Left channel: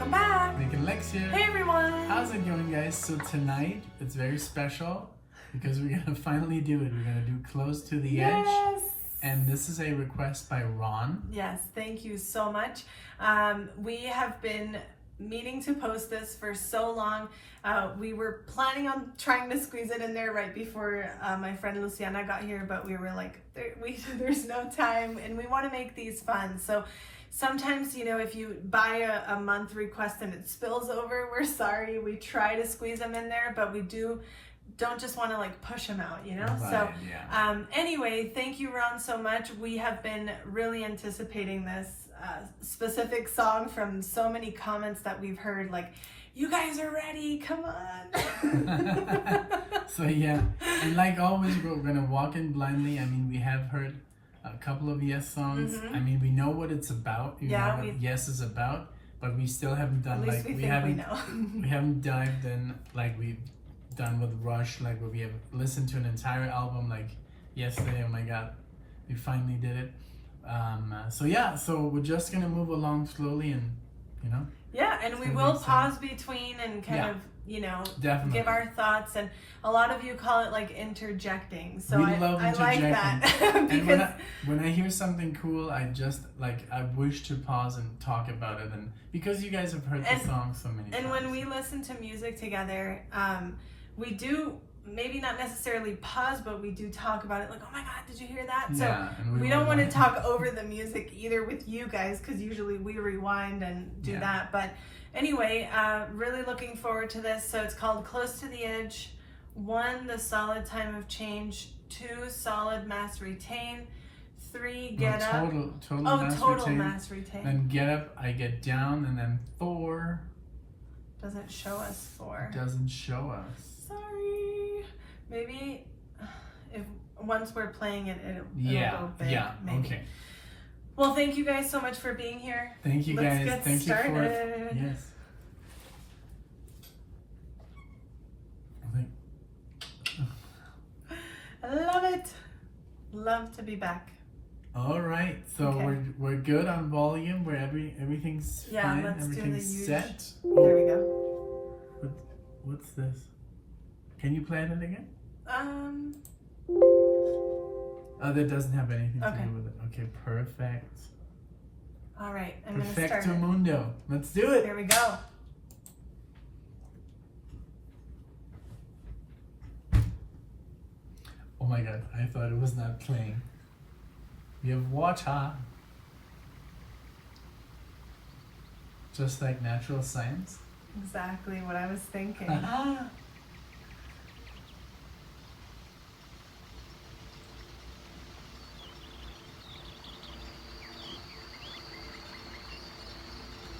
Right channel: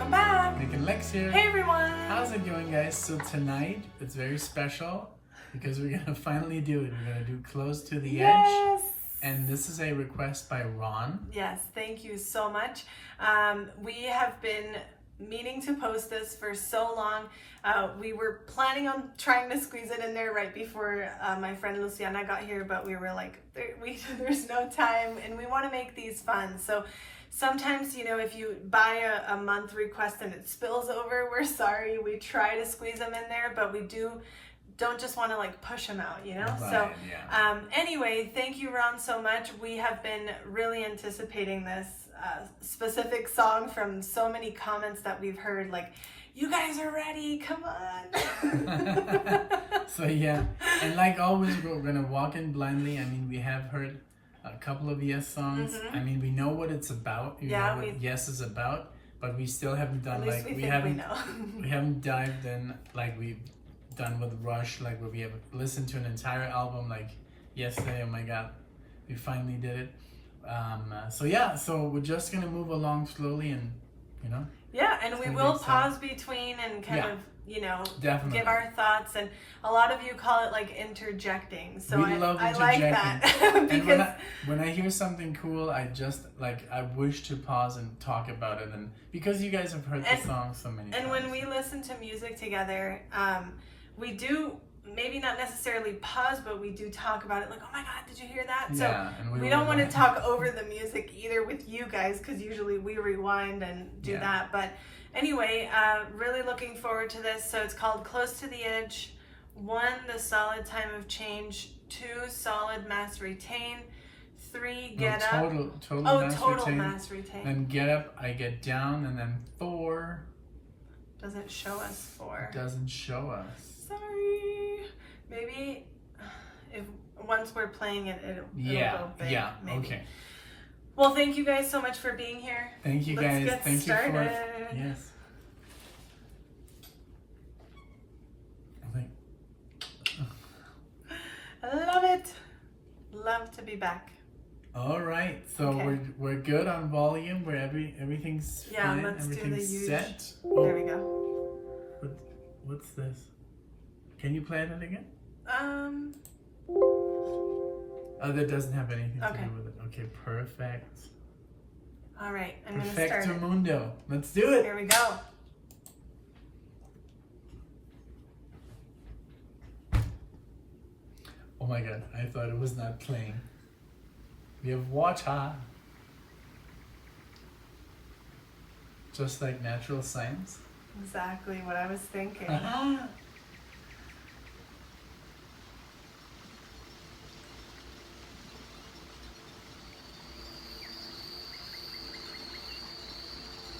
Welcome back. NicknLex here. Hey everyone. How's it going, guys? So tonight it's very special because we're gonna finally do it. We're gonna do Close to the Edge. And this is a request by Ron. Yes, thank you so much. We have been meaning to post this for so long. We were planning on trying to squeeze it in there right before my friend Luciana got here, but we were like, there's no time and we want to make these fun. So sometimes, you know, if you buy a month request and it spills over, we're sorry. We try to squeeze them in there, but we don't just want to like push them out, you know? Right, so yeah. Anyway, thank you, Ron, so much. We have been really anticipating this specific song from so many comments that we've heard, like, you guys are ready, come on. So yeah, and like always, we're gonna walk in blindly. I mean, we have heard a couple of Yes songs. I mean, we know what it's about. You know what Yes is about, but we still haven't done like we haven't dived in like we've done with Rush, like where we have listened to an entire album like yesterday. Oh my god, we finally did it. So yeah, so we're just gonna move along slowly, and you know. Yeah, and we will pause between and kind of, you know, give our thoughts. And a lot of you call it like interjecting. So we love interjecting. I like that. And when I hear something cool, I just like I wish to pause and talk about it. And because you guys have heard the song so many times. And when we listen to music together, we do maybe not necessarily pause, but we do talk about it like, oh my god, did you hear that? Yeah, so we don't want to talk over the music either with you guys, because usually we rewind and do that. But anyway, really looking forward to this. So it's called Close to the Edge. 1, the solid time of change. 2, solid mass retain. 3, get up. Total mass retain. Then get up, I get down, and then 4. Doesn't show us 4. Doesn't show us. Sorry. Maybe if once we're playing it, it'll go big. Yeah, maybe. Okay. Well, thank you guys so much for being here. Thank you guys. Thank you for yes. I love it. Love to be back. All right, so we're good on volume. Where everything's fine. Let's everything's do the set. There we go. What's this? Can you play that again? Oh, that doesn't have anything to do with it. Okay, perfect. All right, I'm gonna start Perfecto mundo. Let's do it. Here we go. Oh my god, I thought it was not playing. We have water. Just like natural science. Exactly what I was thinking.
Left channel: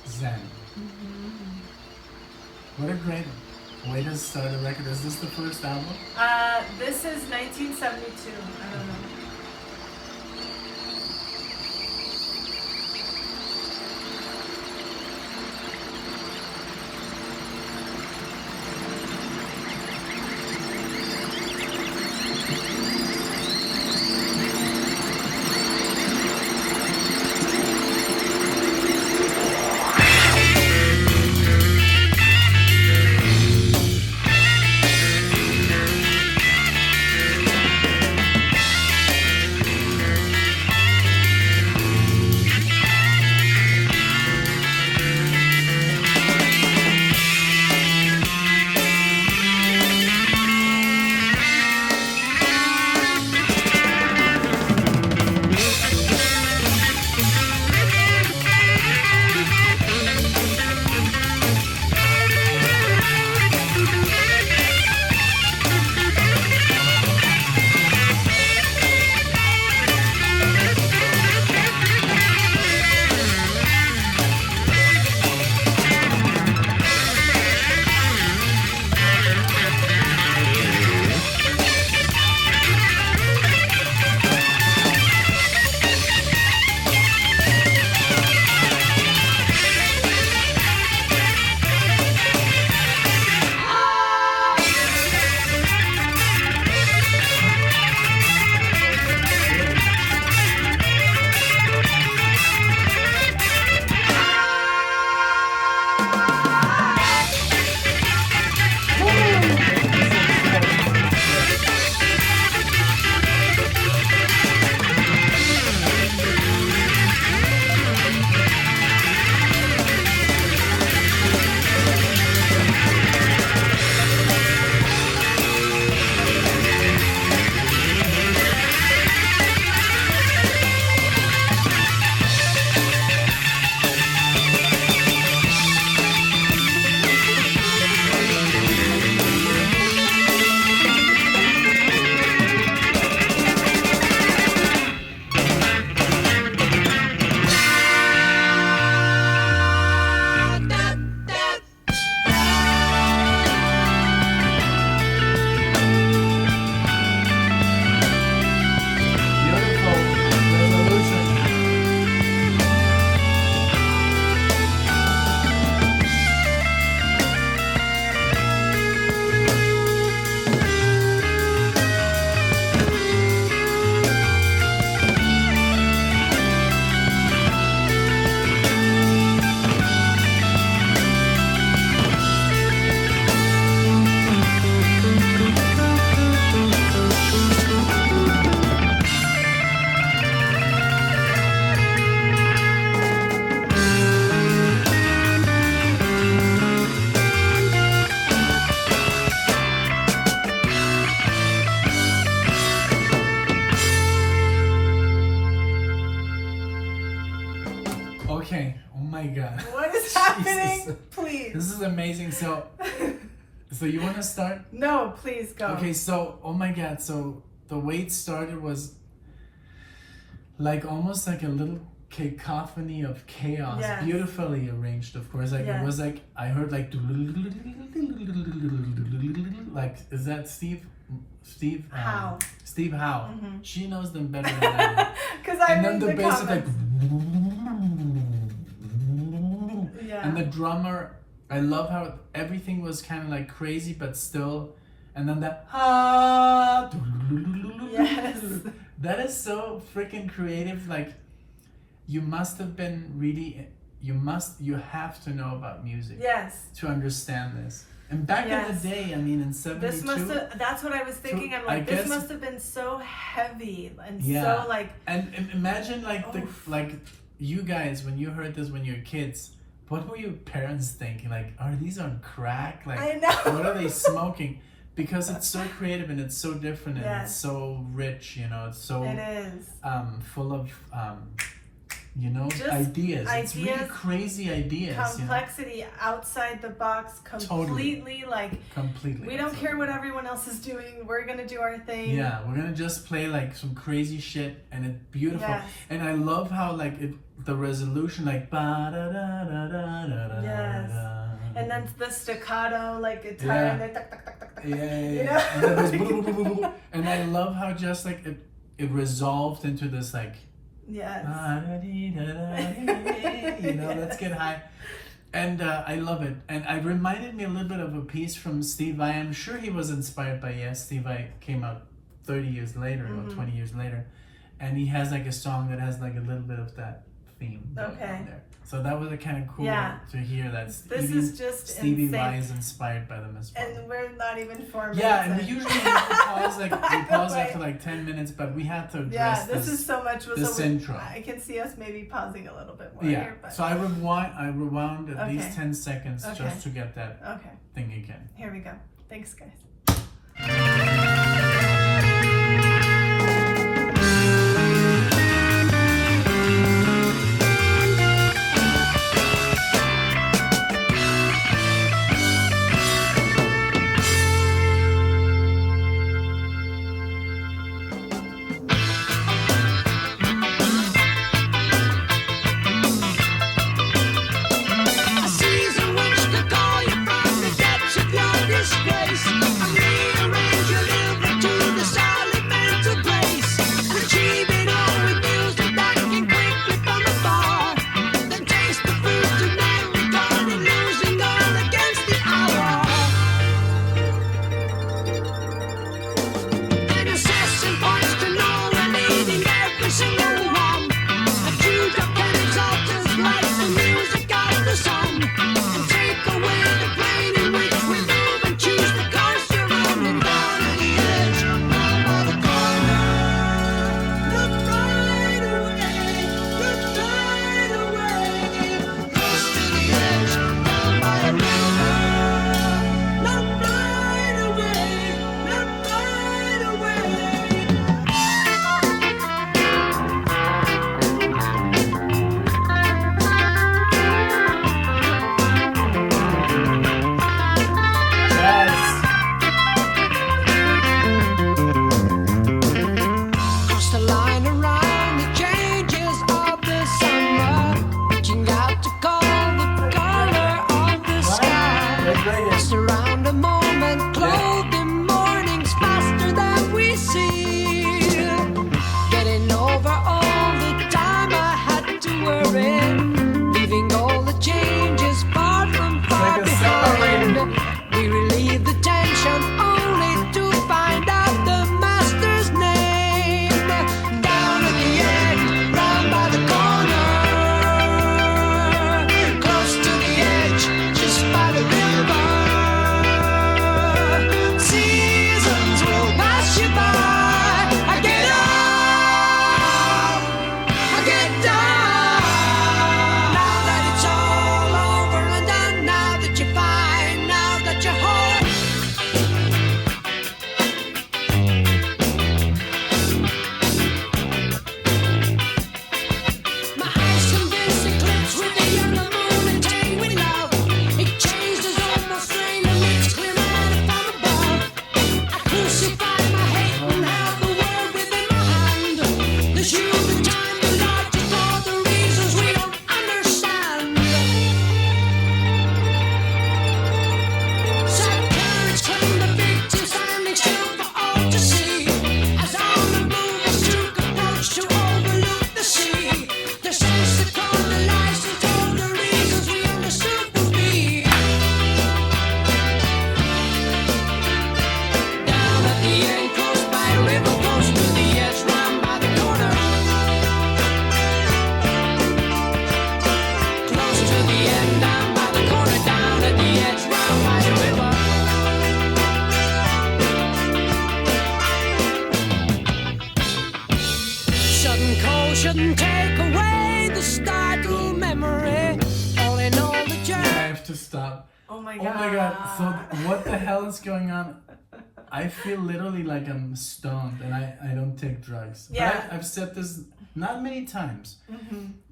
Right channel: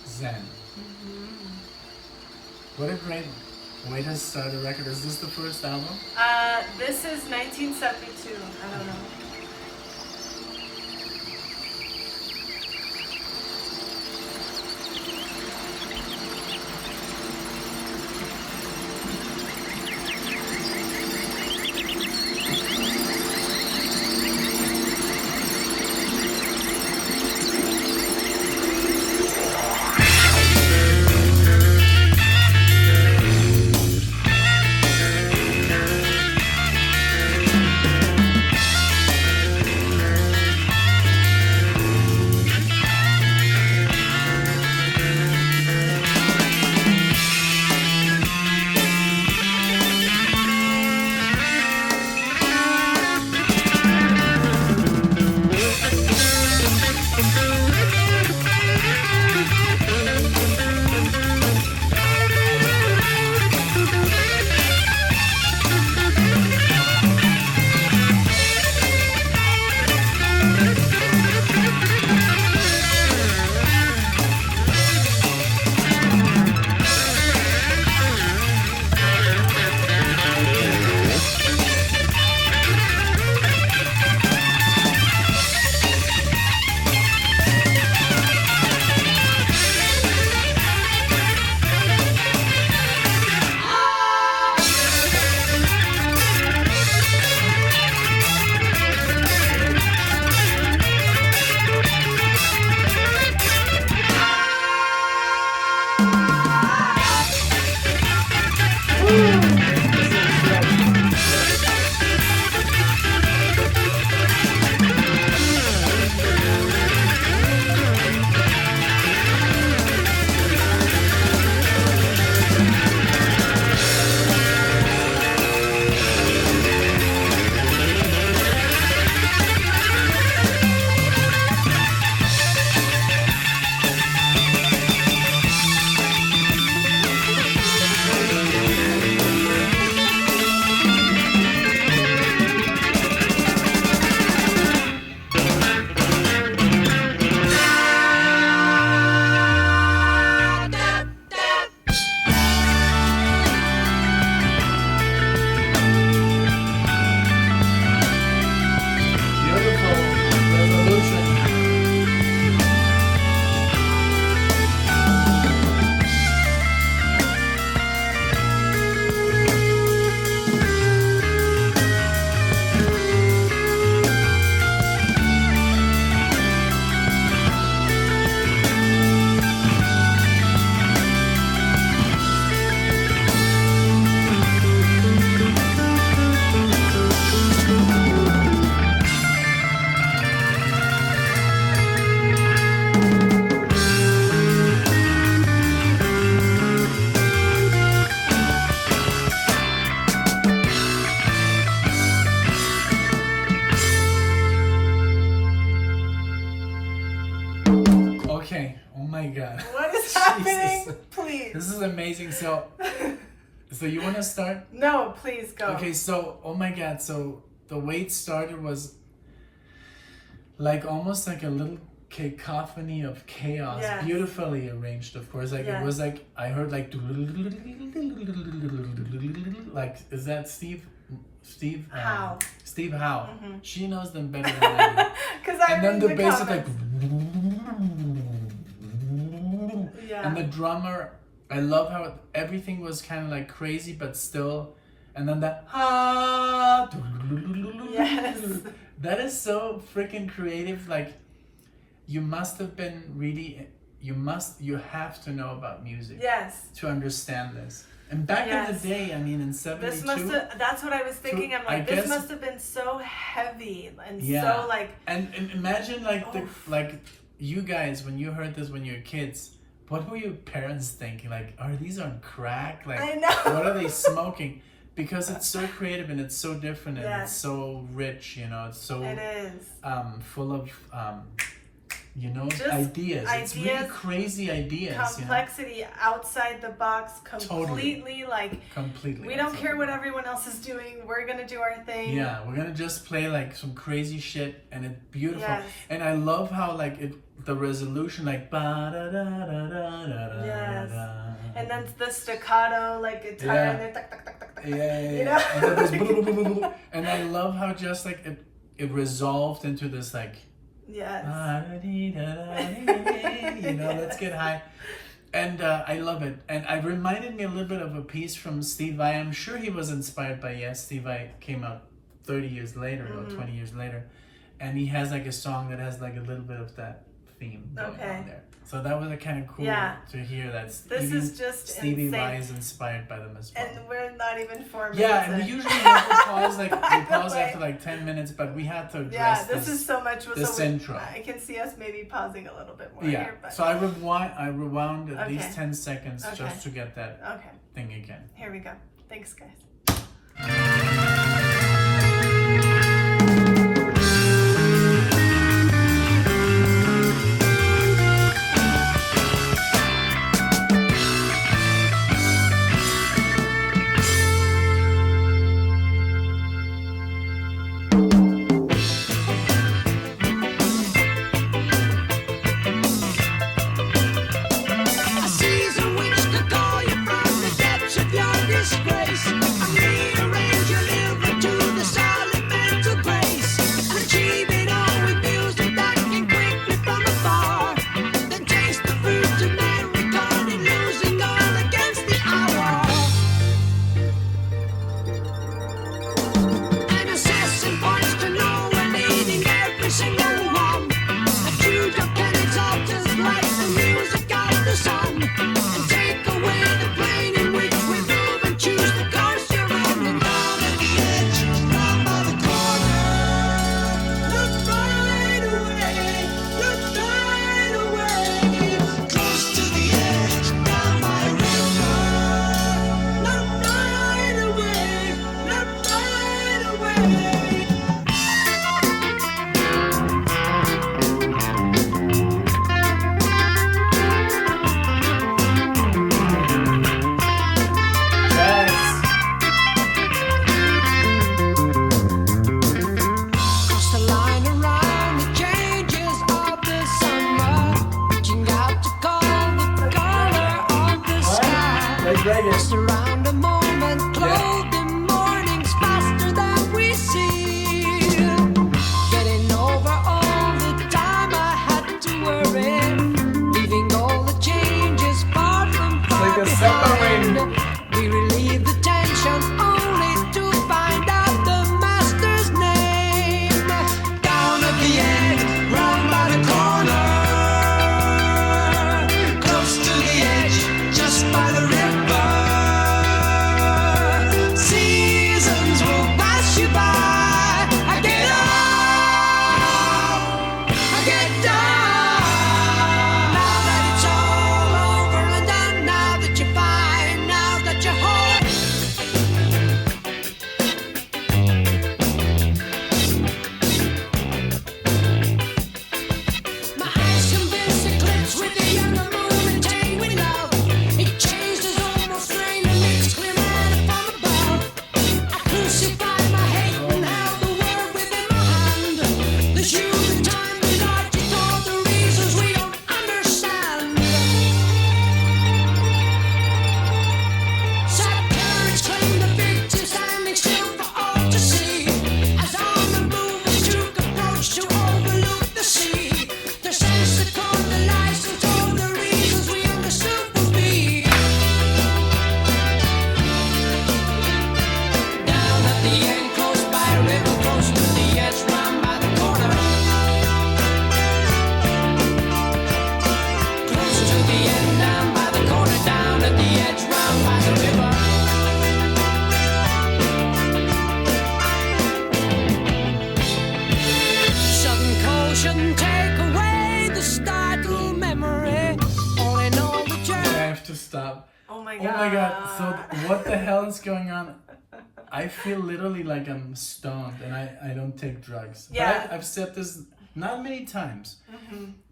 Zen. What a great way to start a record. Is this the first album? This is 1972. I don't know. Okay. Oh my God. What is happening? Please. This is amazing. So you want to start? No, please go. Okay. So, oh my God. So the way it started was like almost like a little cacophony of chaos, yes. beautifully arranged, of course. Like yes. it was like I heard like is that Steve Howe? Steve Howe. Mm-hmm. She knows them better than I do. And then the bass is like, yeah. and the drummer. I love how everything was kind of like crazy, but still. And then that yes. That is so freaking creative. Like, you must have been really. You have to know about music. Yes. To understand this. And back in the day, I mean, in '72, that's what I was thinking. I'm like, this must have been so heavy and so like. And imagine like you guys when you heard this when you were kids. What were your parents thinking? Like, are these on crack? Like, I know. What are they smoking? Because it's so creative and it's so different and it's so rich. You know, it's so full of. Just ideas. It's really crazy ideas. Complexity, outside the box, completely completely. We don't care what everyone else is doing. We're gonna do our thing. Yeah, we're gonna just play like some crazy shit, and it's beautiful. Yes. And I love how like the resolution like ba da da da da da. Yes. And then the staccato like guitar and then tuck tuck tuck tuck tuck. Yeah. You know? And then there's and I love how just like it resolved into this like. Yes. You know, let's get high. And I love it. And it reminded me a little bit of a piece from Steve Vai. I'm sure he was inspired by Steve Vai came out 30 years later or 20 years later. And he has like a song that has like a little bit of that theme going on there. So that was kind of cool to hear that. This is just Stevie insane. Vai is inspired by them as well. And we're not even 4 minutes. Yeah, and we usually have to pause after like 10 minutes, but we had to address this is so much intro. I can see us maybe pausing a little bit more here. But. So I rewound at least 10 seconds just to get that thing again. Here we go. Thanks, guys. bridge to overlook the sea. The sense to colonize and told the reasons we understood would be. Down at the end, close by a river, close to the edge, round by the corner. Close to the end, down by the corner, down at the edge, round by the river. Sudden cold shouldn't take away the start through memory. All in all, the journey. I have to stop. Oh my Oh god. my god. So what the hell is going on? I feel literally like I'm stoned and I don't take drugs. Yeah. But I've said this not many times.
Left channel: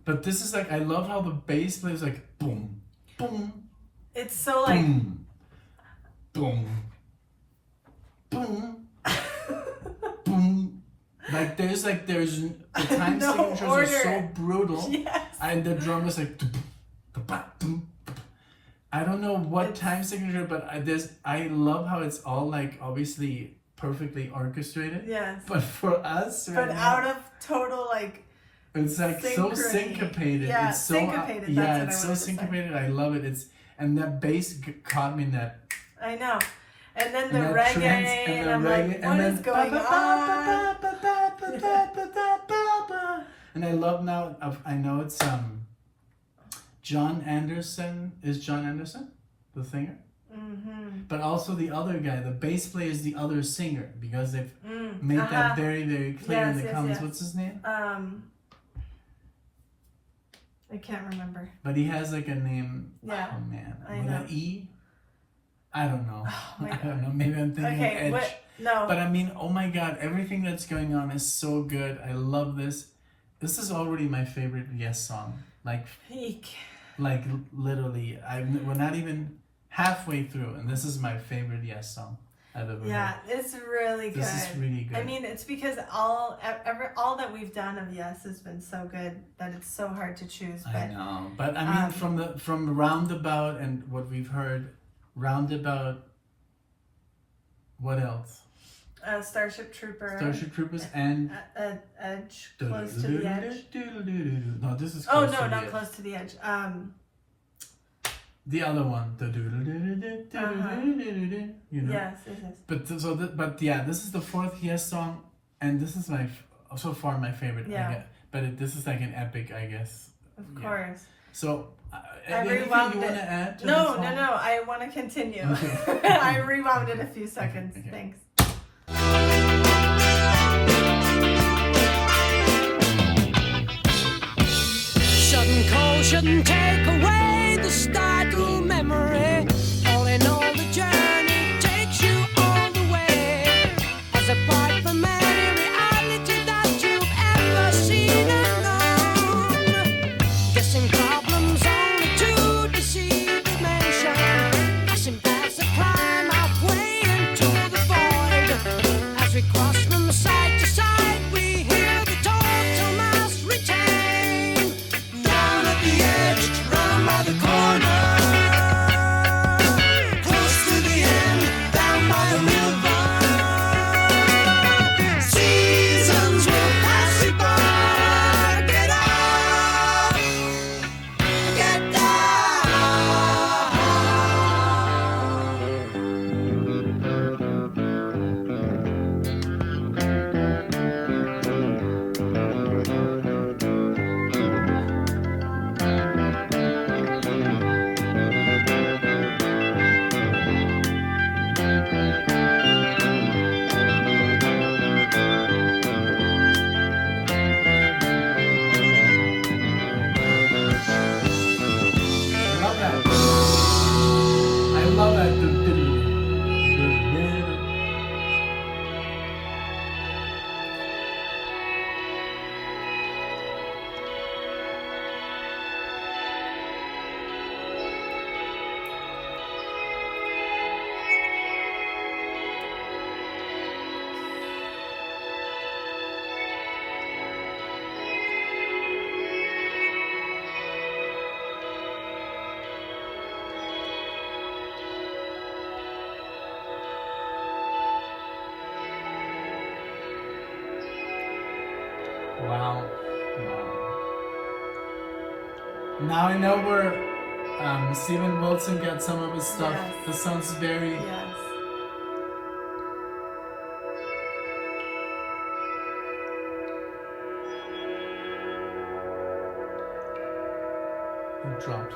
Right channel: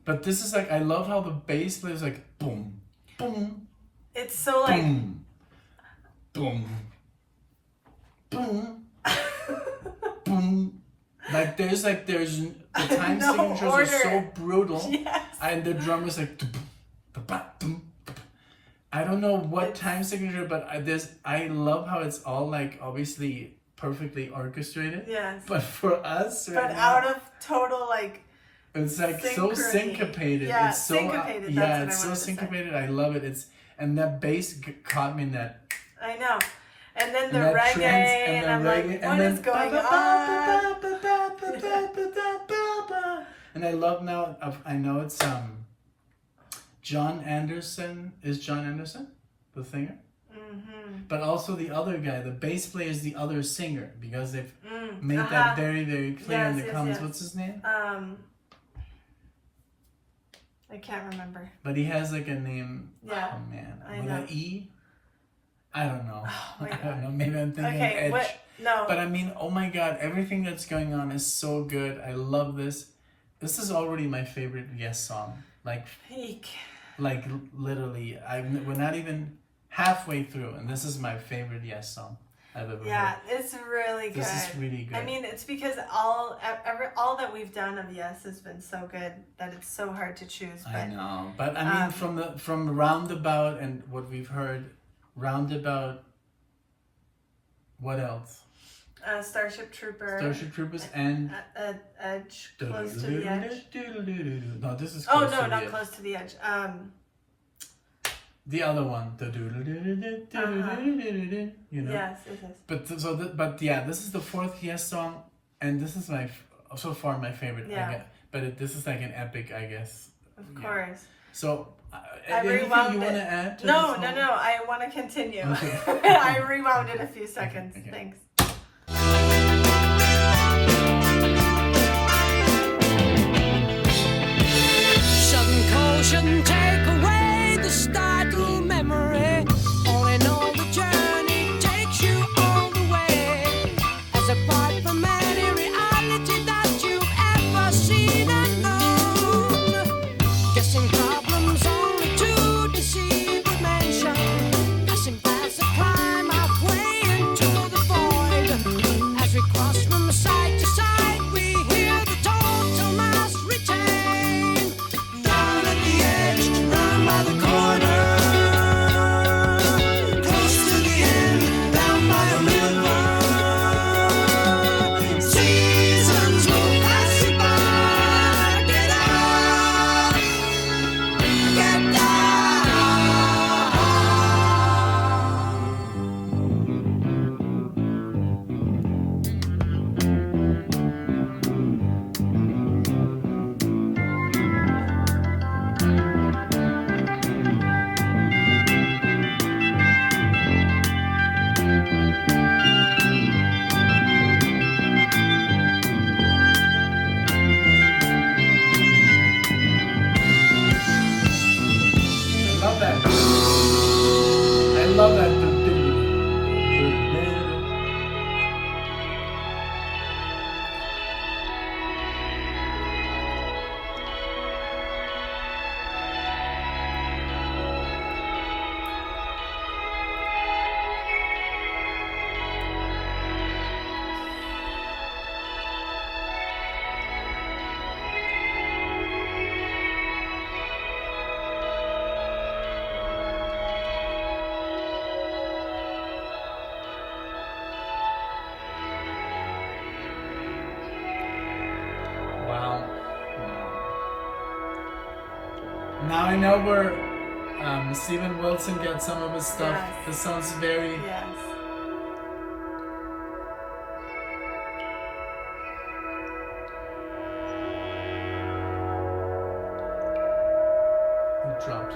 But this is like, I love how the bass plays like boom, boom, It's so like boom, boom, boom, boom. Like there's the time No signatures are order. so brutal. Yes. And the drum is like I don't know what time signature, but I love how it's all like obviously perfectly orchestrated. Yes. But for us right But now, out of total like it's like so synchrony. syncopated. Yeah, it's so syncopated, yeah, that's what it's I so wanted to say. syncopated. I love it. And that bass caught me in that. I know. And then the And that reggae trance and the I'm reggae like, and what then is going on? and I love now. I know it's John Anderson. Is John Anderson the singer? But also the other guy, the bass player, is the other singer because they've made that very very clear in Yes, the yes, comments. yes. What's his name? I can't remember. But he has like a name. Yeah, Oh man, I with know. an E. I don't know. my I don't know. Maybe I'm thinking Okay, Edge. what? No. But I mean, oh my god, everything that's going on is so good. I love this. This is already my favorite Yes song. Peak. Like literally, we're not even halfway through, and this is my favorite Yes song I've ever Yeah, heard. it's really good. This is really good. I mean, it's because all that we've done of Yes has been so good that it's so hard to choose. But I know, but I mean, from Roundabout and what we've heard, Roundabout. What else? Starship Trooper. Starship Troopers and Edge. Close to the edge. No, this is Oh close no, to the not edge. close to the edge. The other one, you know. Yes, it is. But yeah, this is the fourth Yes song, and this is so far my favorite. Yeah. I guess. But this is like an epic, I guess. Of Yeah. course. So, I anything rewound you want to it. add? To No, this no, whole- no. I want to continue. Okay. I rewound it a few seconds. okay. Thanks. Sudden cold shouldn't take away the start through memory. All in all, the journey takes you all the way. As apart from any reality that you've ever seen and known. Guessing problems only to deceive dimension. Passing past a climb halfway into the void. As we cross from side to side, we hear the total mass retain. Down at the edge, Wow. Wow. Now I know where Steven Wilson got some of his stuff. Yes. This sounds very... Yes. It dropped.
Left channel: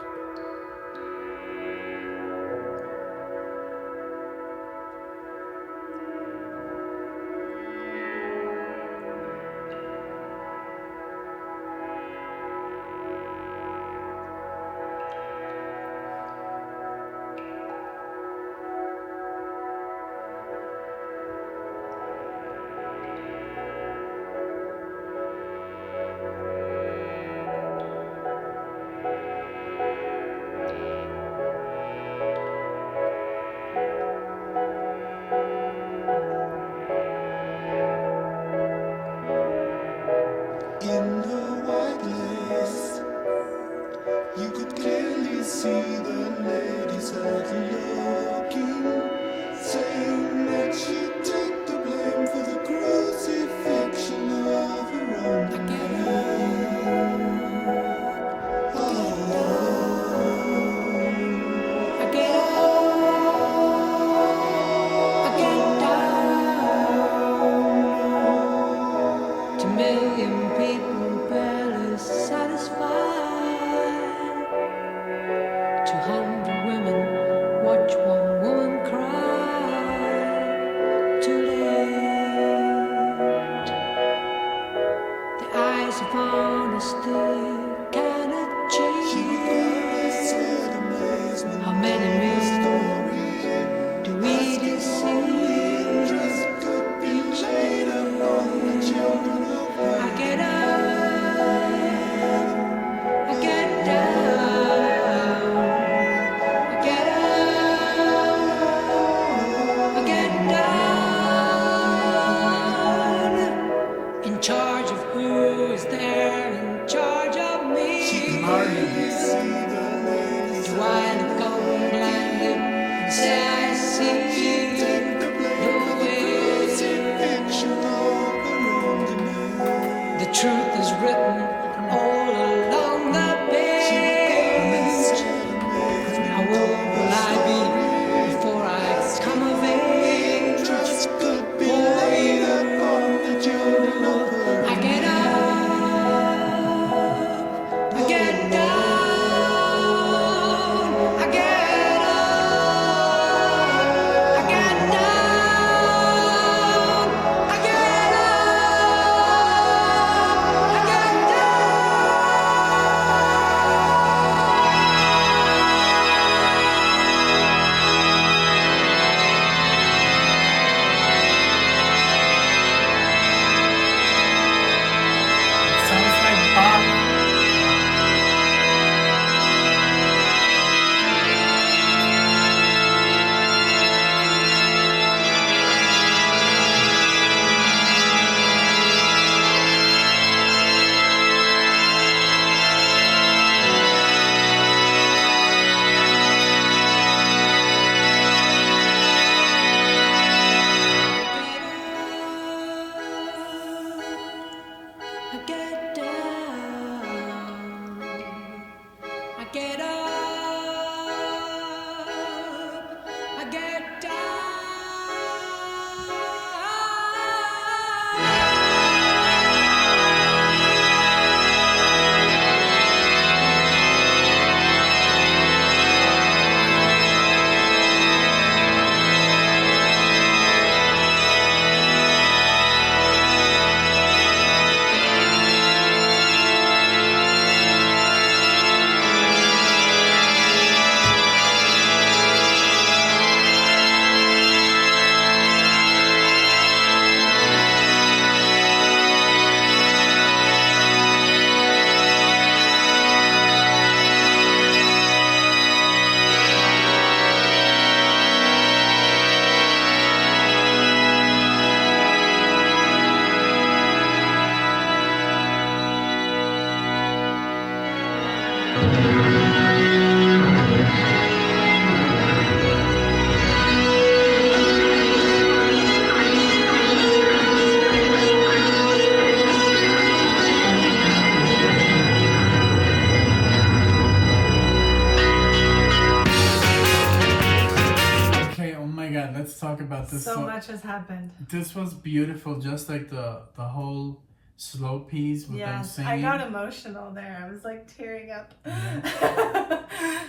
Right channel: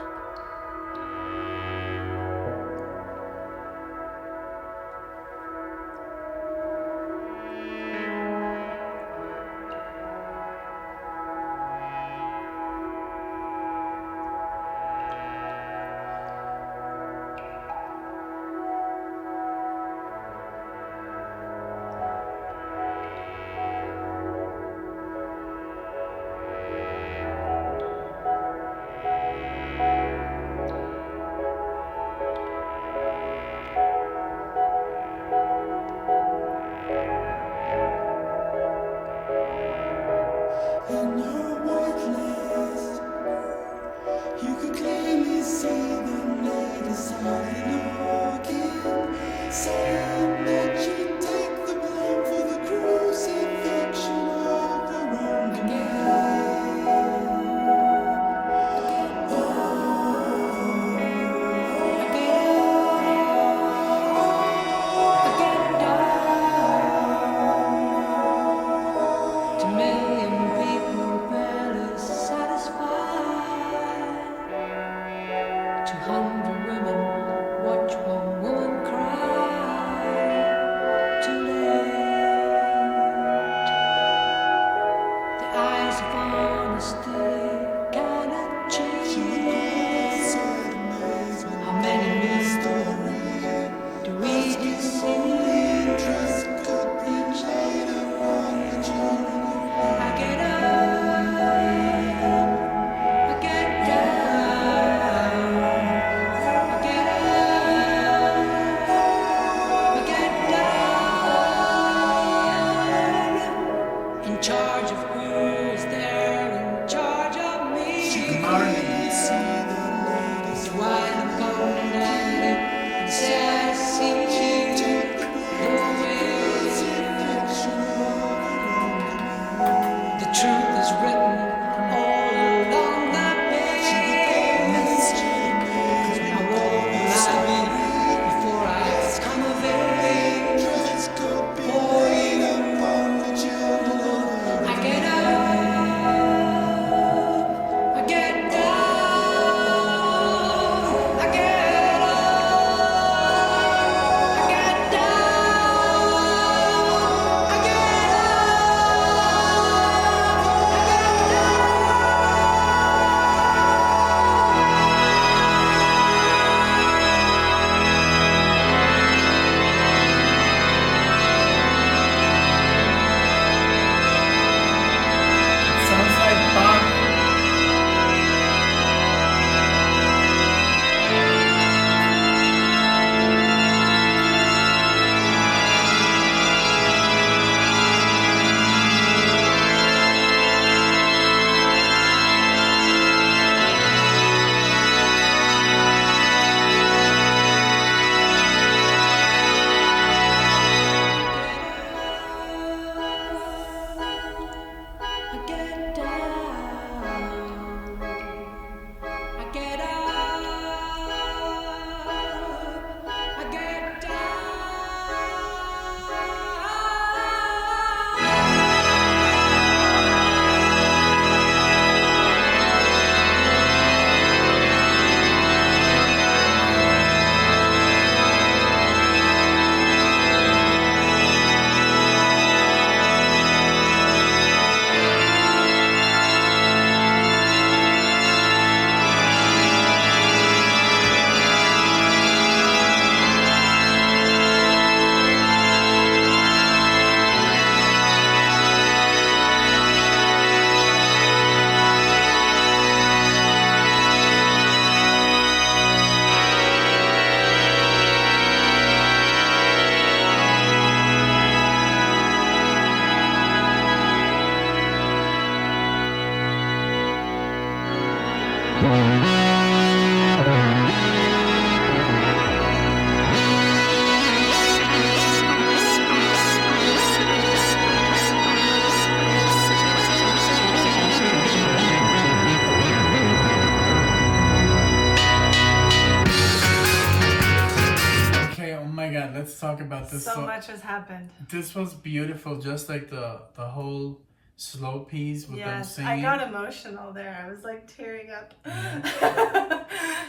about this. So much has happened. This was beautiful, just like the whole slow piece with them Yes, singing. I got emotional there. I was like tearing up.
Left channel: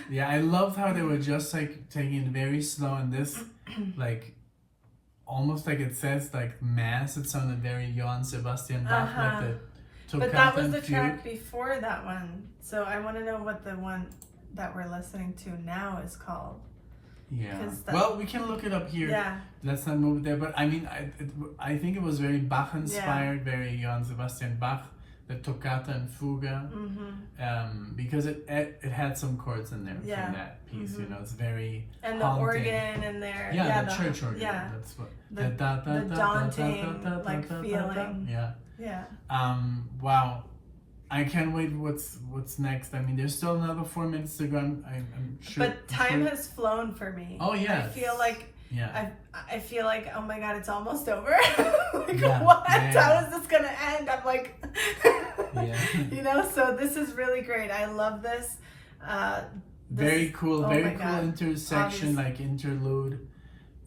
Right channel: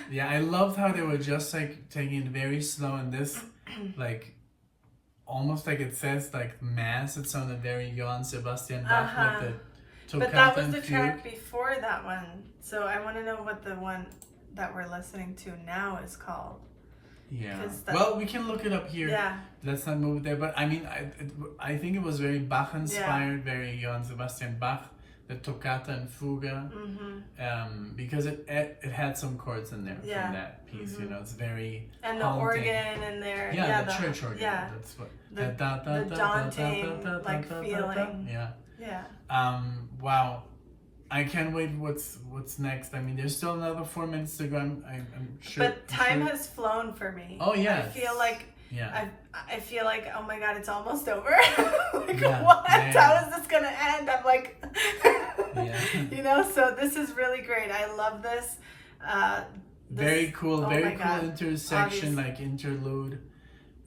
Yeah, I loved how they were just like taking it very slow, and this like almost like it says like mass. It sounded very Johann Sebastian Bach, like the But that was Toccata the and Fugue. track before that one. So I want to know what the one that we're listening to now is called. Yeah. 'Cause that- Well, we can look it up here. Yeah. Let's not move there. But I mean, I think it was very Bach inspired, very Johann Sebastian Bach, the Toccata and Fuga, because it had some chords in there from that piece. You know, it's very and the haunting. organ in there. Yeah, the church organ. Yeah. That's what. The daunting like feeling. Yeah. Yeah. Wow. I can't wait. What's next? I mean, there's still another 4 minutes to go. I'm sure. But time has flown for me. Oh yeah. I feel like. Yeah. I feel like, oh my god, it's almost over. Like, Yeah. what? Yeah. How is this gonna end? I'm like, Yeah. You know. So this is really great. I love this. Very cool. Oh Very my cool God. intersection, like interlude.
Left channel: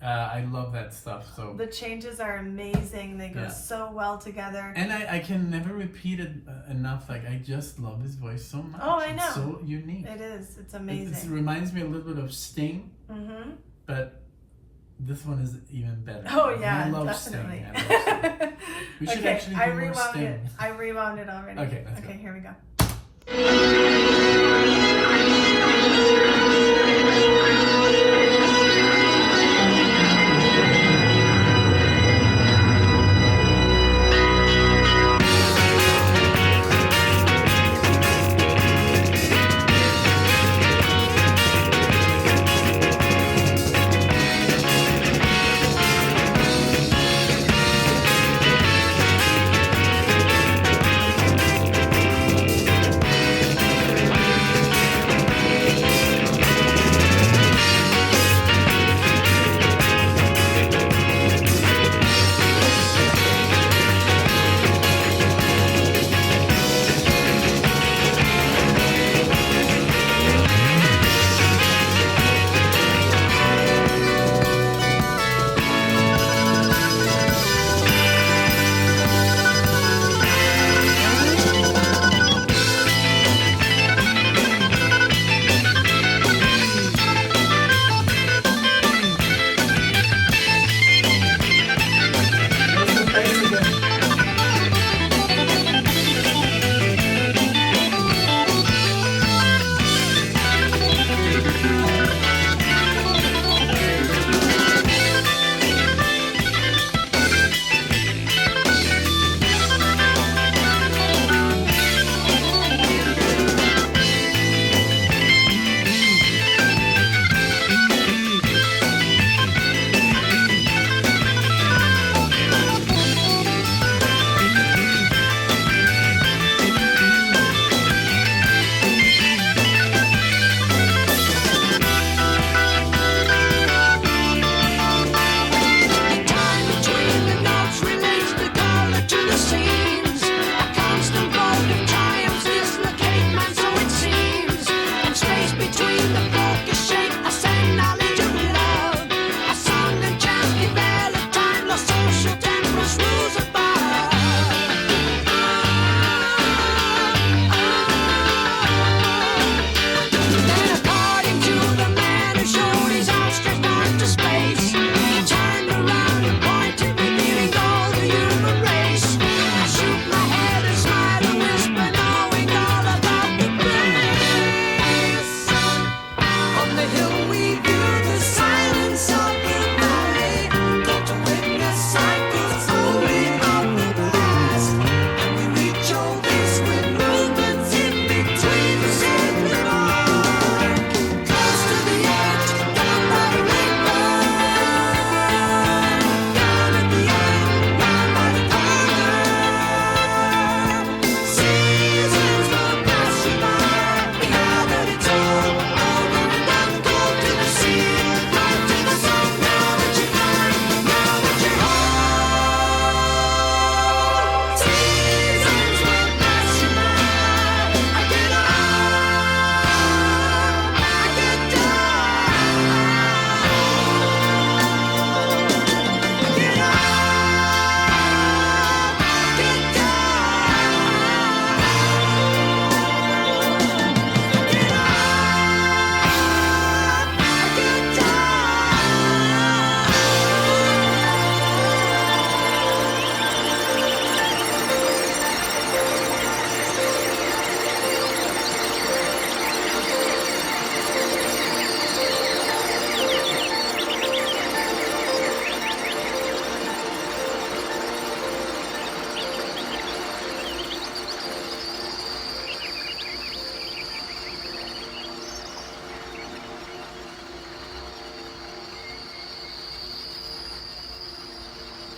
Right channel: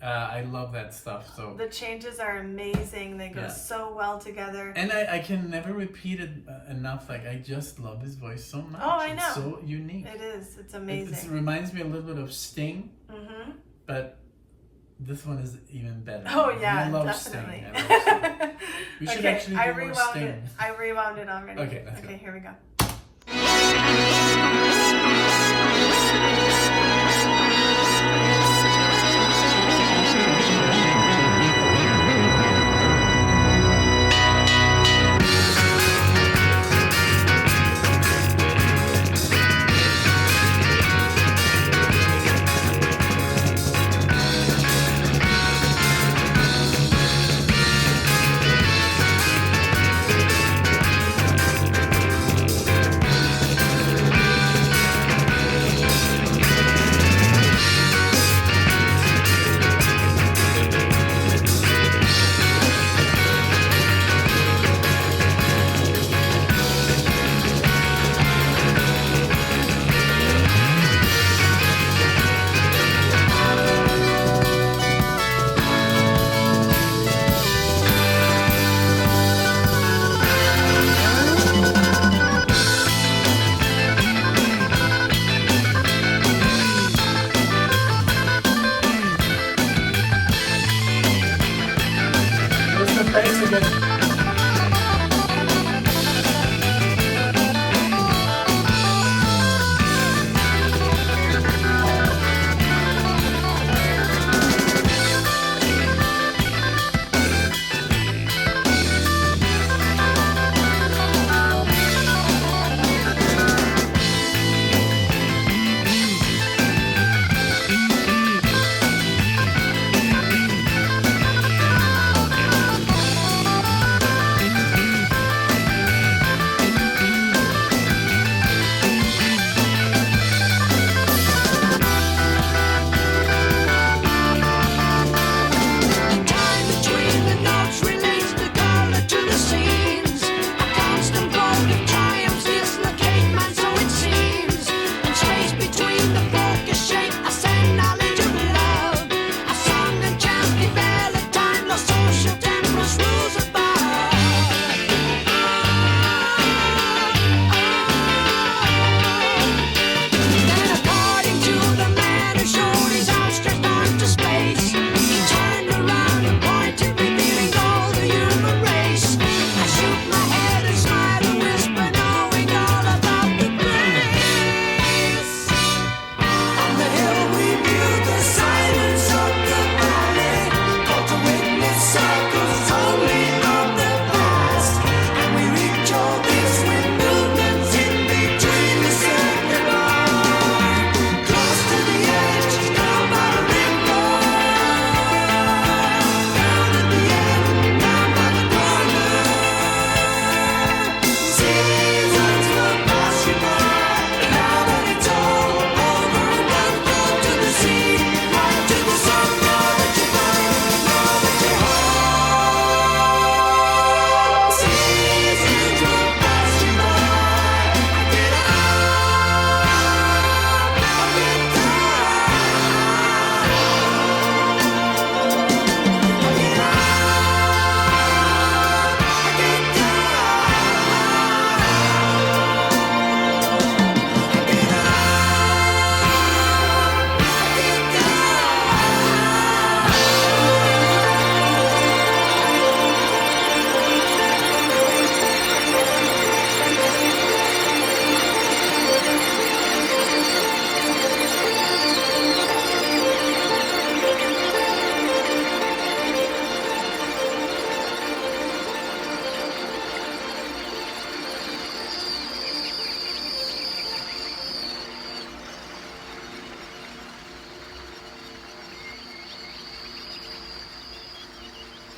I love that stuff. So The changes are amazing. They go Yeah. so well together. and I can never repeat it enough. Like I just love his voice so much. Oh, I It's know. so unique. It is. It's It amazing. reminds me a little bit of Sting, Mm-hmm. but this one is even better. Oh yeah, I love definitely. Sting. I love Sting. We should actually I do more rewound Sting. it. I rewound it already. Okay, let's go. Okay, here we go.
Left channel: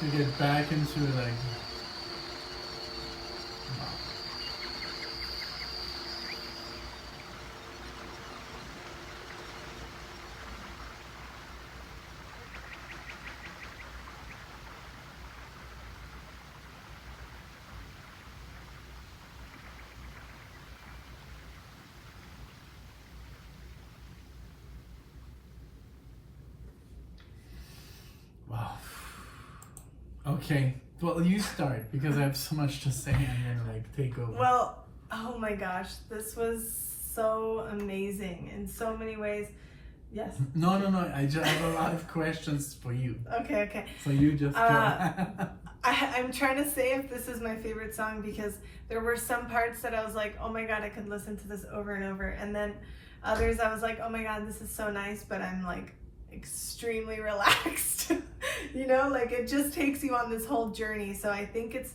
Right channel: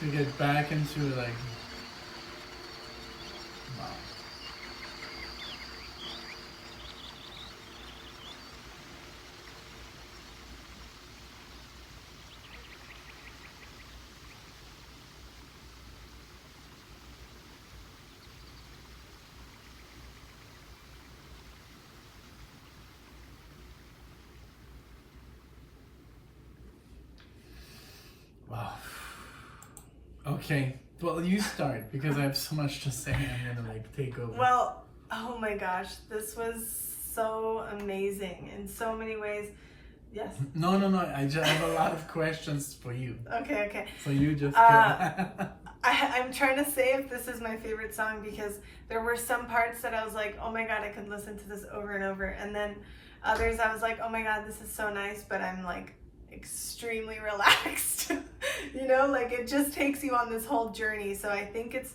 to get back into like. Wow. Wow. Okay. Well, you start because I have so much to say. I'm gonna like take over. Well, oh my gosh, this was so amazing in so many ways. Yes. No. I just have a lot of questions for you. Okay. So you just go. I'm trying to say if this is my favorite song because there were some parts that I was like, oh my god, I could listen to this over and over, and then others I was like, oh my god, this is so nice, but I'm like extremely relaxed. You know, like it just takes you on this whole journey. So I think it's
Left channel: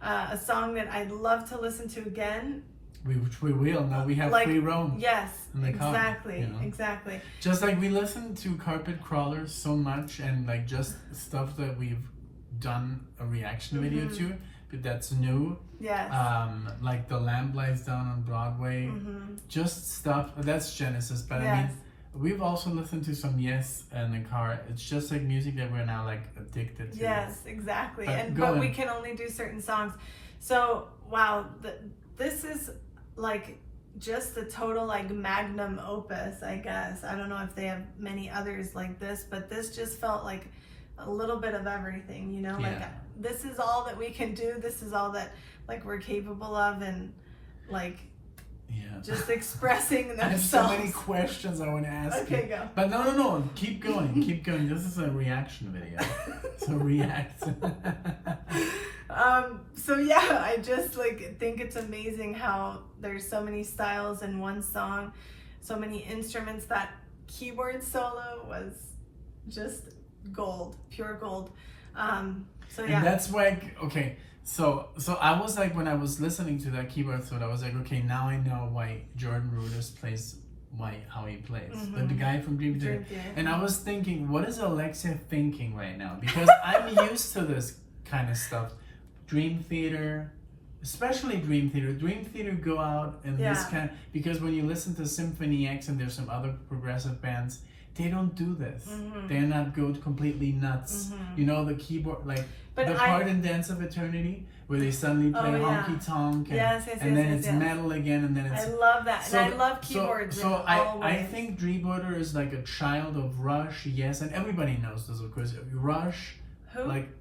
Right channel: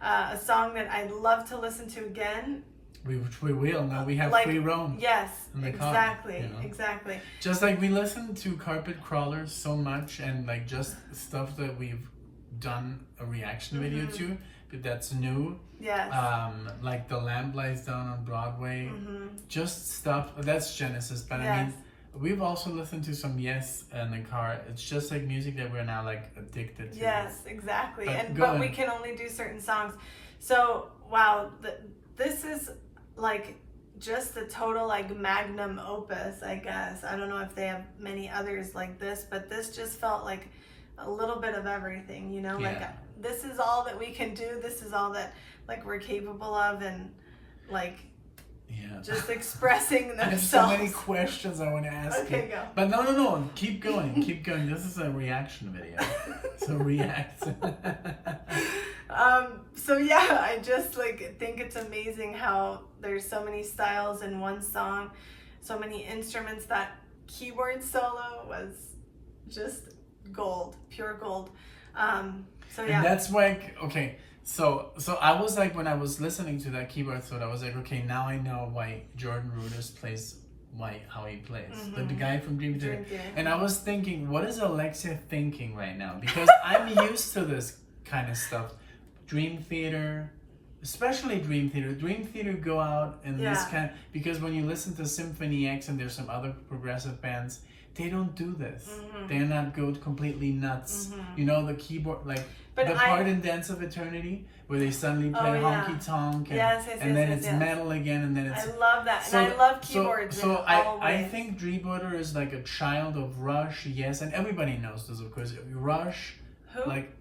a song that I'd love to listen to again. Which we will. Now we have like, free roam. Yes, in the car, exactly, you know? exactly. Just like we listen to Carpet Crawlers so much, and like just stuff that we've done a reaction video to, but that's new. Yes. Like The Lamp Lies Down on Broadway. Just stuff that's Genesis, but Yes. I mean, we've also listened to some Yes in the car. It's just like music that we're now like addicted to. Yes, exactly. But But we can only do certain songs. So wow, this is like just a total like magnum opus, I guess. I don't know if they have many others like this, but this just felt like a little bit of everything, you know? Like this is all that we can do. This is all that like we're capable of, and like just expressing themselves. I have so many questions I want to ask you. Okay, go. But no, keep going. This is a reaction video. So react. So yeah, I just like think it's amazing how there's so many styles in one song, so many instruments. That keyboard solo was just gold, pure gold. So yeah. And that's why, okay, so I was like, when I was listening to that keyboard solo, I was like, okay, now I know why Jordan Rudess plays how he plays. The guy from Dream Theater. And I was thinking, what is Alexia thinking right now? Because I'm used to this kind of stuff. Dream Theater, especially Dream Theater. Dream Theater go out and this kind, because when you listen to Symphony X and there's some other progressive bands, they don't do this. They're not go completely nuts. You know, the keyboard, like the part in Dance of Eternity where they suddenly play honky tonk and then it's metal again, and then it's. I love that, and I love keyboards. So I think Dream Theater is like a child of Rush, Yes, and everybody knows this, of course. Rush, who? Like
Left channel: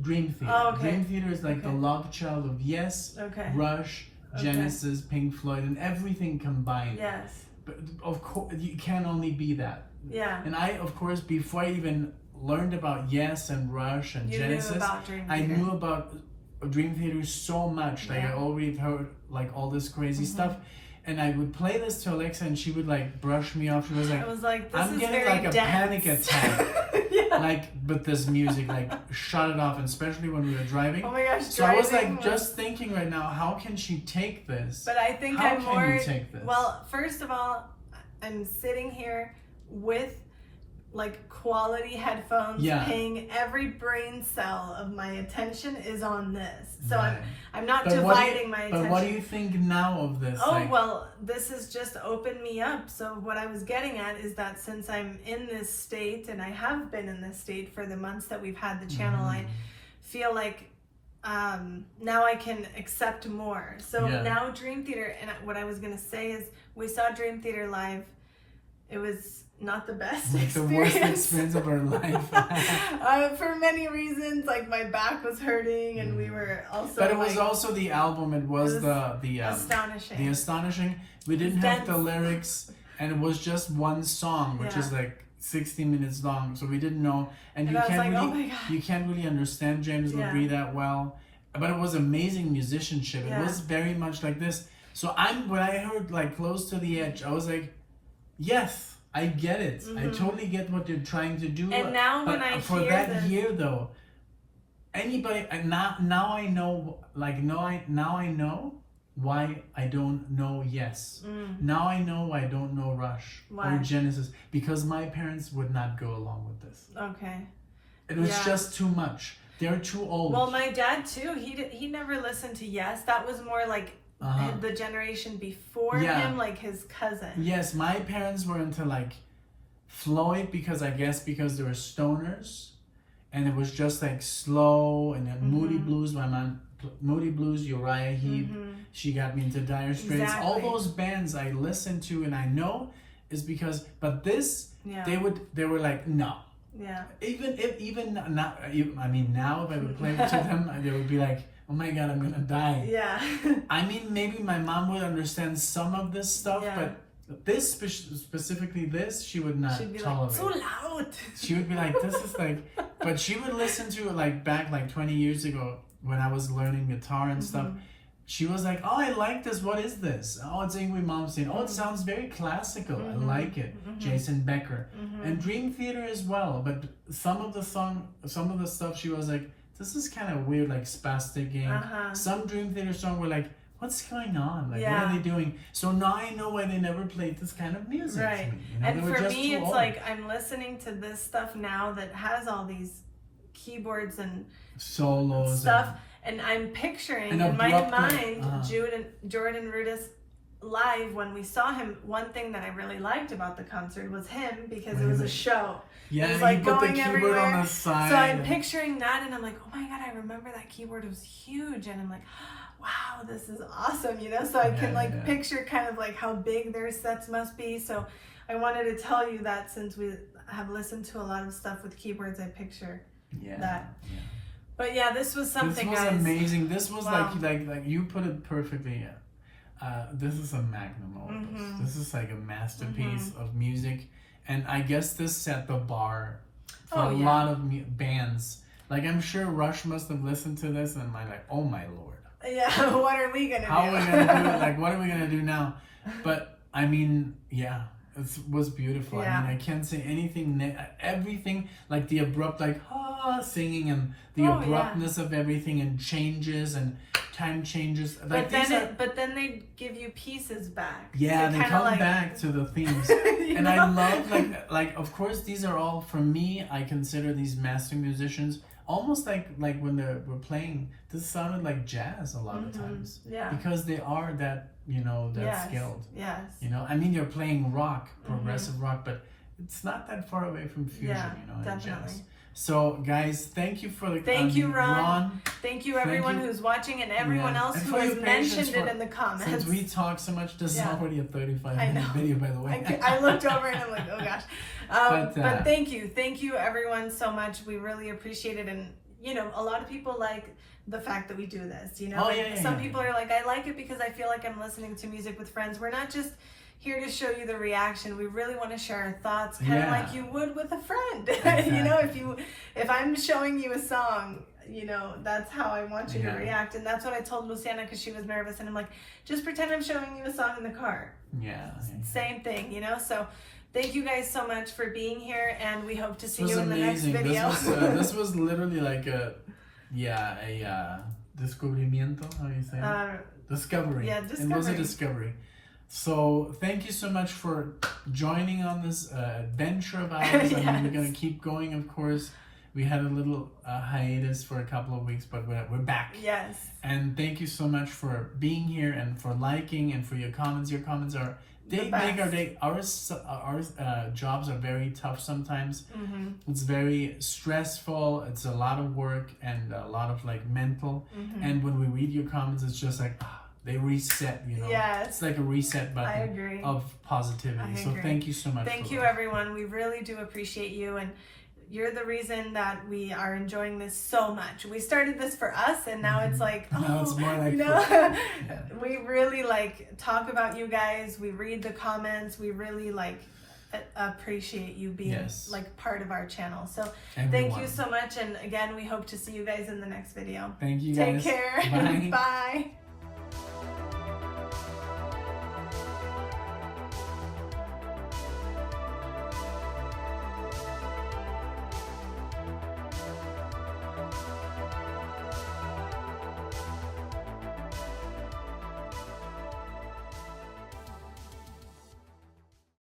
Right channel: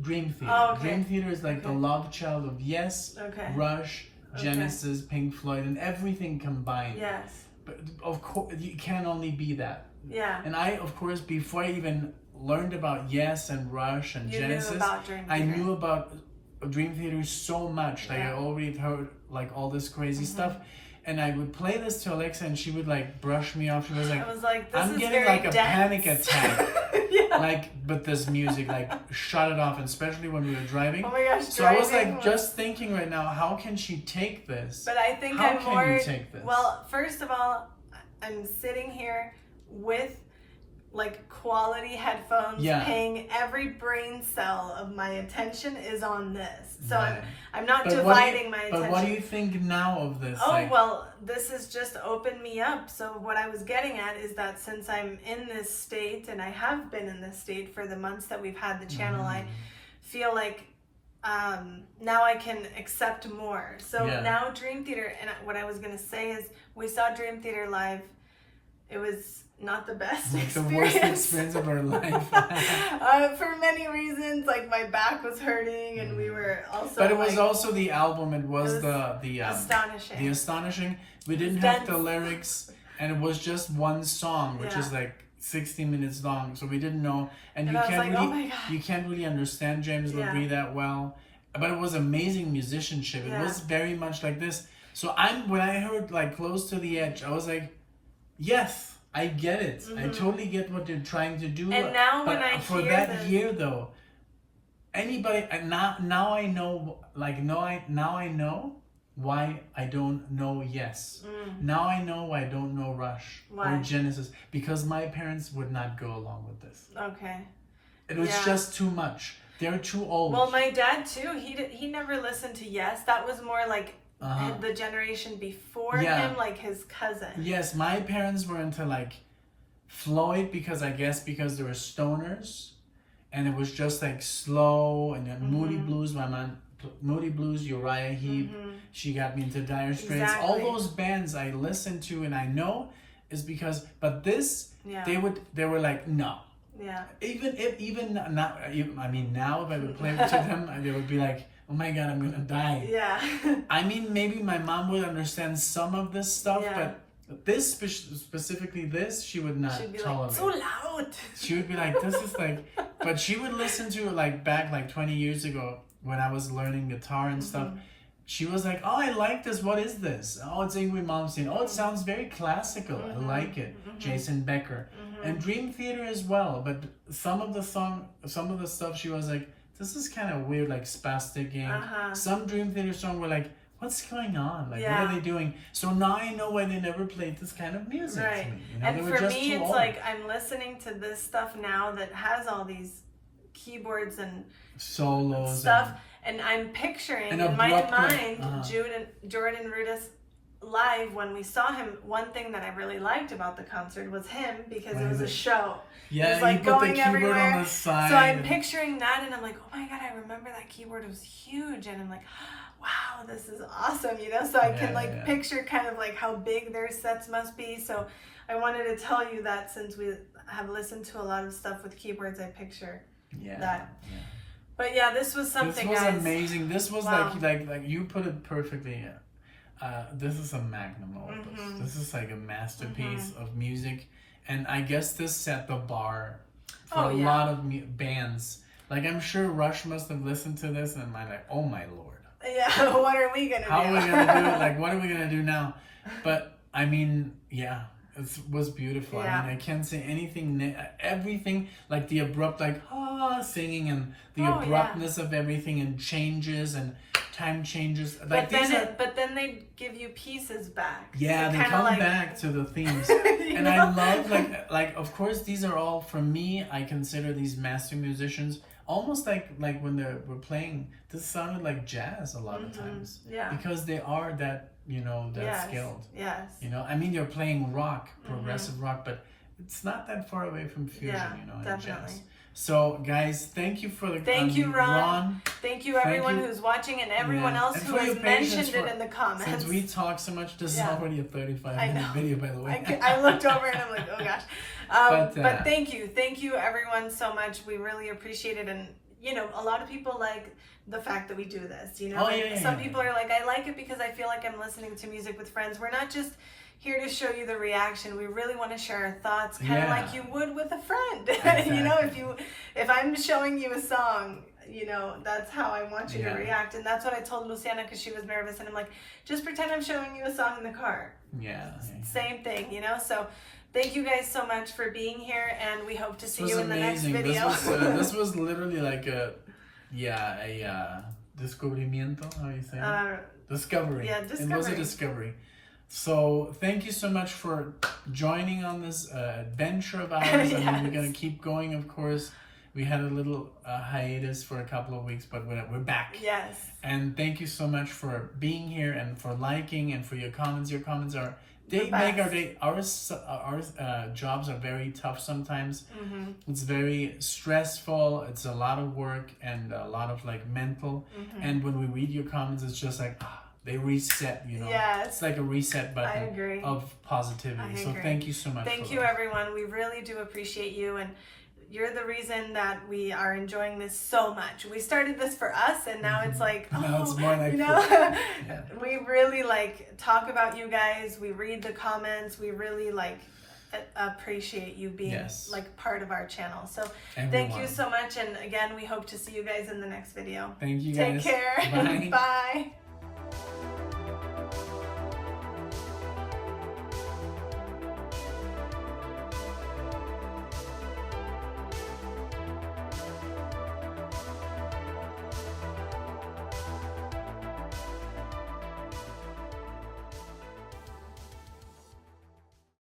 Dream Theater. Oh, okay. Dream Theater is like the love child of Yes, Rush, Genesis, Pink Floyd, and everything combined. Yes. But of course, you can only be that. Yeah. And I, of course, before I even learned about Yes and Rush and Genesis, I knew about Dream Theater so much. Like I already heard like all this crazy stuff. And I would play this to Alexa and she would like brush me off. She was like, this I'm is getting very like a dense. panic attack. Like, but this music, like, shut it off, and especially when we were driving. Oh my gosh, so I was like, just thinking right now, how can she take this? But I think how can you take this? Well, first of all, I'm sitting here with like quality headphones, paying every brain cell of my attention is on this. So I'm not dividing my attention. But what do you think now of this? Oh, well, this has just opened me up. So what I was getting at is that since I'm in this state, and I have been in this state for the months that we've had the channel, I feel like now I can accept more. So now Dream Theater, and what I was going to say is we saw Dream Theater live. It was not the best experience. The worst experience of our life. For many reasons, like my back was hurting, and we were also. But it was also the album. It was the astonishing. The astonishing. We didn't have the lyrics, and it was just one song, which is like 60 minutes long. So we didn't know, and you can't you can't really understand James LaBrie that well. But it was amazing musicianship. It was very much like this. So when I heard like Close to the Edge, I was like, yes. I get it. I totally get what they're trying to do. And now when I for hear that this, year though, anybody now I know, like now I know why I don't know Yes. Now I know why I don't know Rush or Genesis, because my parents would not go along with this. Okay. It was just too much. They're too old. Well, my dad too. He never listened to Yes. That was more like the generation before him, like his cousin. Yes, my parents were into like Floyd because they were stoners, and it was just like slow, and then Moody Blues. My mom, Moody Blues, Uriah Heep. She got me into Dire Straits. Exactly. All those bands I listened to, and I know is because. But this, they were like no. Yeah. Even now, I mean, now if I would play to them, they would be like, oh my God, I'm gonna die. Yeah. I mean, maybe my mom would understand some of this stuff, but this specifically, this she would not tolerate. Like, so loud. She would be like, this is like, but she would listen to it like back like 20 years ago when I was learning guitar and stuff. She was like, oh, I like this. What is this? Oh, it's Ingrid Malmsteen. Oh, it sounds very classical. I like it. Jason Becker. And Dream Theater as well. But some of the stuff she was like, this is kind of weird, like Spastic Gang. Some Dream Theater song were like, what's going on? Like, what are they doing? So now I know why they never played this kind of music to me. You know, and they were for just me, too it's old. like I'm listening to this stuff now that has all these keyboards and solos stuff. And I'm picturing in my mind Jordan Rudess live when we saw him. One thing that I really liked about the concert was him because it was a show. Yeah, it was like he put going the keyboard everywhere. on the side. So I'm picturing that, and I'm like, oh my God, I remember that keyboard. It was huge, and I'm like, wow, this is awesome, you know. So I can like picture kind of like how big their sets must be. So I wanted to tell you that since we have listened to a lot of stuff with keyboards, I picture that. Yeah. But yeah, this was something. This was amazing. This was like you put it perfectly. This is a magnum opus. This is like a masterpiece of music, and I guess this set the bar for a lot of bands. Like I'm sure Rush must have listened to this and I'm like, oh my Lord. Yeah, what are we gonna do? How are we gonna do it? Like, what are we gonna do now? But I mean, yeah. It was beautiful. I mean, I can't say anything. Everything, like the abrupt, like singing, and the abruptness of everything, and changes and time changes. Like but then they give you pieces back. Yeah, they come back to the themes, and I love like of course these are all for me. I consider these master musicians almost like when they were playing. This sounded like jazz a lot of times. Yeah, because they are that. You know, that's skilled. Yes. You know, I mean, you're playing rock, progressive rock, but it's not that far away from fusion, you know, and jazz. So, guys, thank you for the Thank you, Ron. Thank you, everyone who's watching and everyone else who has mentioned it in the comments. Since we talk so much, this is already a 35-minute video, by the way. I looked over and I'm like, oh gosh. But thank you, everyone, so much. We really appreciate it, and you know, a lot of people like the fact that we do this, you know. Some people are like, I like it because I feel like I'm listening to music with friends. We're not just here to show you the reaction. We really want to share our thoughts, kind of like you would with a friend. Exactly. You know, if I'm showing you a song, you know, that's how I want you to react. And that's what I told Luciana because she was nervous, and I'm like, just pretend I'm showing you a song in the car. Same thing, you know. So thank you guys so much for being here, and we hope to see you in the next video. This was literally like a descubrimiento, how do you say it? Discovery. Yeah, discovery. It was a discovery. So thank you so much for joining on this adventure of ours. I mean, we're going to keep going, of course. We had a little hiatus for a couple of weeks, but we're back. Yes. And thank you so much for being here and for liking and for your comments. Your comments are... They make our day. Our jobs are very tough sometimes. It's very stressful. It's a lot of work and a lot of like mental. And when we read your comments, it's just like they reset. You know, it's like a reset button of positivity. So thank you so much. Thank you, everyone. We really do appreciate you, and you're the reason that we are enjoying this so much. We started this for us, and now it's like, now it's more like we really like talk about you guys. We read the comments. We really like appreciate you being like part of our channel. So thank you so much, and again, we hope to see you guys in the next video. Thank you guys. Take care. Bye. Bye.